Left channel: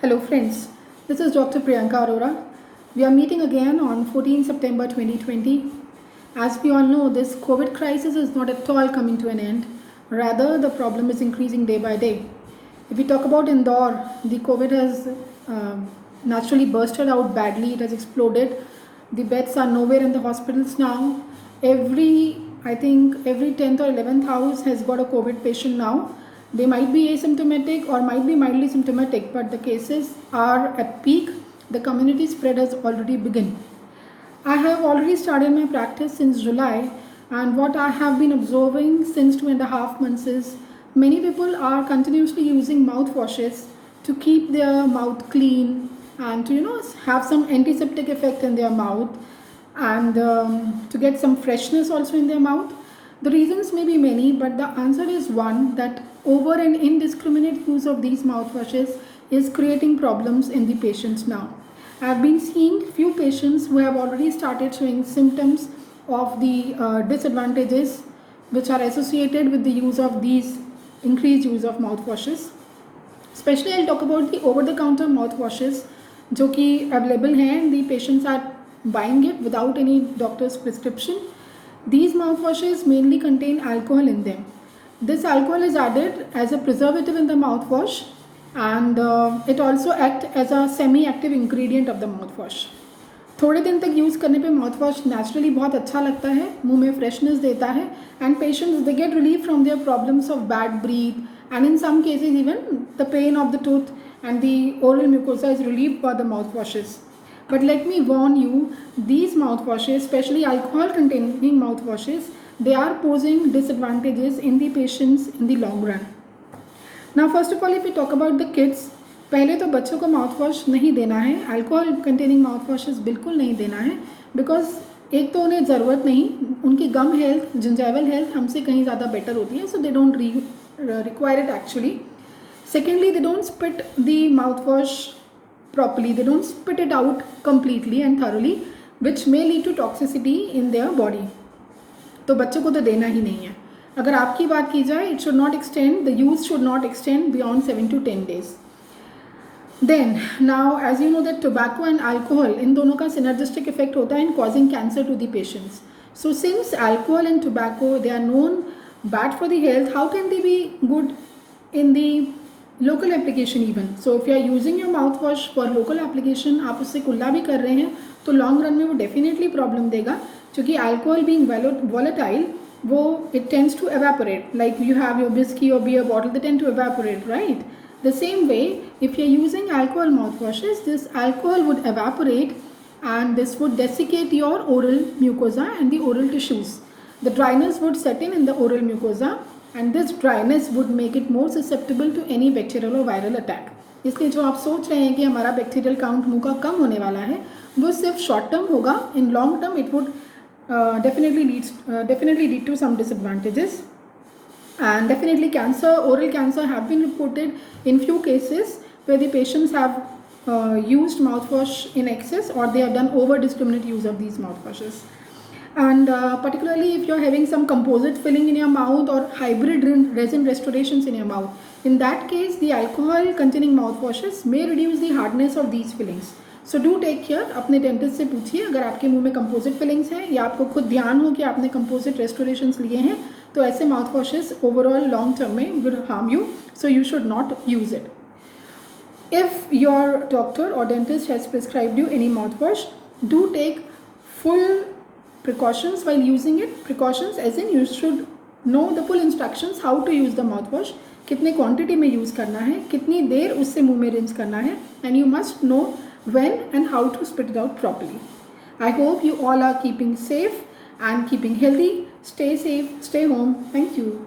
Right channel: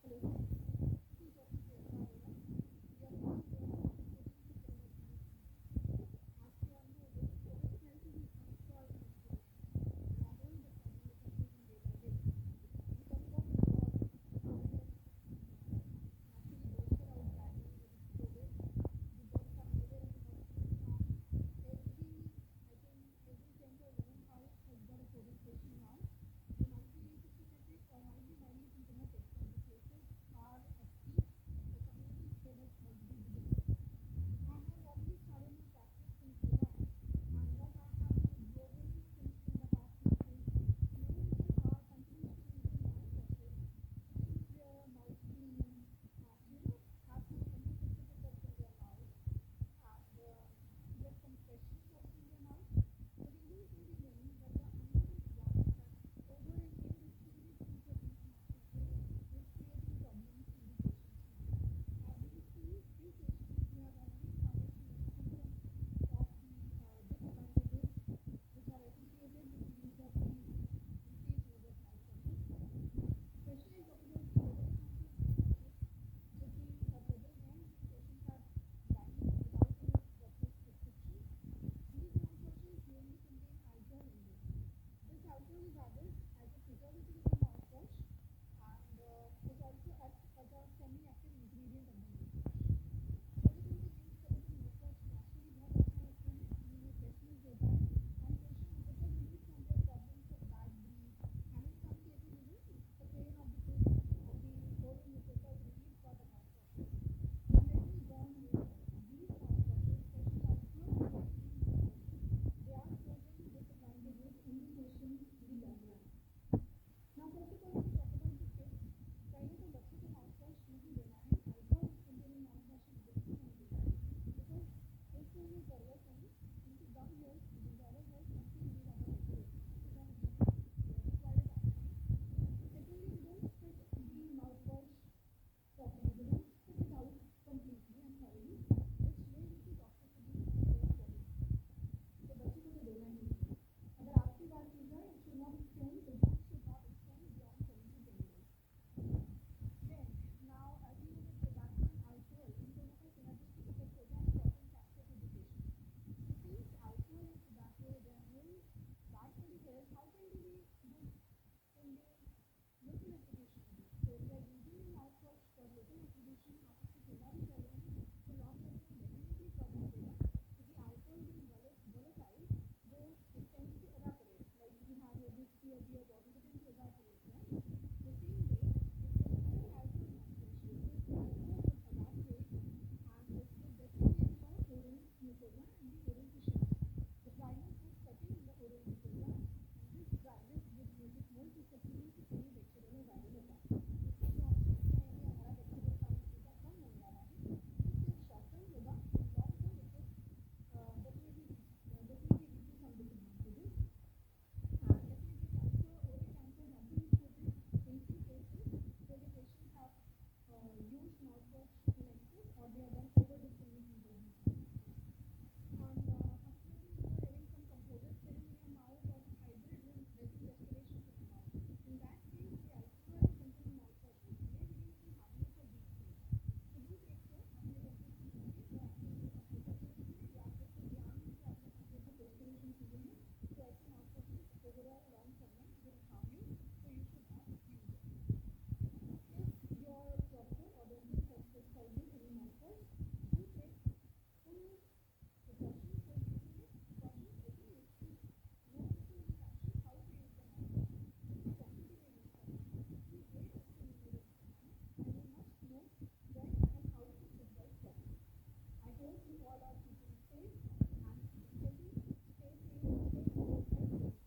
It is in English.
Hello friends, this is Dr. Priyanka Arora. We are meeting again on 14 September 2020. As we all know, this COVID crisis is not at all coming to an end. Rather, the problem is increasing day by day. If we talk about Indore, the COVID has naturally bursted out badly. It has exploded. The beds are nowhere in the hospitals now. I think every 10th or 11th house has got a COVID patient now. They might be asymptomatic or might be mildly symptomatic, but the cases are at peak. The community spread has already begun. I have already started my practice since July, and what I have been observing since 2.5 months is many people are continuously using mouthwashes to keep their mouth clean and to have some antiseptic effect in their mouth and to get some freshness also in their mouth. The reasons may be many, but the answer is one, that over and indiscriminate use of these mouthwashes is creating problems in the patients now. I have been seeing few patients who have already started showing symptoms of the disadvantages which are associated with the use of these increased use of mouthwashes. Especially I'll talk about the over-the-counter mouthwashes जो कि available हैं and the patients are buying it without any doctor's prescription. These mouthwashes mainly contain alcohol in them. This alcohol is added as a preservative in the mouthwash, and it also acts as a semi-active ingredient of the mouthwash. थोड़े दिन तक use करने पे mouth wash naturally बहुत अच्छा लगता है, मुंह में फ्रेशनेस देता है, and patients they get relief from their problems of bad breath and in some cases even the pain of the tooth and the oral mucosa is relieved by the mouth washes. But let me warn you, these mouthwashes, especially alcohol containing mouthwashes, they are posing disadvantages in the patients in the long run. Now first of all, if we talk about the kids, पहले तो बच्चों को mouth wash नहीं देना है, alcohol containing mouth washes बिल्कुल नहीं देना है, बिकॉज एक तो उन्हें ज़रूरत नहीं, उनकी गम हेल्थ, जिंजाइवल हेल्थ हमसे कहीं ज़्यादा बेटर होती है, so they don't require it actually. Secondly, they don't spit the mouth wash properly, they don't spit it out completely and thoroughly, which may lead to toxicity in their body. तो बच्चों को तो देना ही नहीं है. अगर आपकी बात की जाए, it should not extend, the use should not extend beyond 7 to 10 days. Then now as you know that tobacco and alcohol, इन दोनों का synergistic effect होता है in causing cancer to the patients. So since alcohol and tobacco, they are known bad for the health, how can they be good in the local application even. So if you are using your mouth wash for local application, आप उससे कुल्ला भी कर रहे हैं तो long run में वो डेफिनेटली प्रॉब्लम देगा, क्योंकि अल्कोहल बीइंग वॉलेटाइल, वो it tends to evaporate. Like you have your whisky और beer bottle, they tend to evaporate, right? The same way if you are using alcohol mouth washes, this alcohol would evaporate and this would desiccate your oral mucosa and the oral tissues. The dryness would set in the oral mucosa, and this dryness would make it more susceptible to any bacterial or viral attack. इसलिए जो आप सोच रहे हैं कि हमारा bacterial count मुंह का कम होने वाला है, वो सिर्फ शॉर्ट टर्म होगा. In long term it would definitely lead to some disadvantages, and definitely oral cancer have been reported in few cases where the patients have used mouthwash in excess, or they have done over discriminate use of these mouthwashes. And particularly if you're having some composite filling in your mouth or hybrid resin restorations in your mouth, in that case the alcohol containing mouthwashes may reduce the hardness of these fillings. So do take care. अपने dentist से पूछिए अगर आपके मुंह में composite fillings हैं, या आपको खुद ध्यान हो कि आपने कंपोजिट रेस्टोरेशंस लिए हैं, तो ऐसे माउथवॉशेस ओवरऑल लॉन्ग टर्म में will harm you, so you should not use it. If your doctor or dentist has prescribed you any mouthwash, do take full precautions while using it. Precautions as in you should know the full instructions how to use the mouthwash, कितने quantity में use करना है, कितनी देर उससे मुंह में rinse करना है, and you must know when and how to spit it out properly. I hope you all are keeping safe and keeping healthy. Stay safe, stay home. Thank you.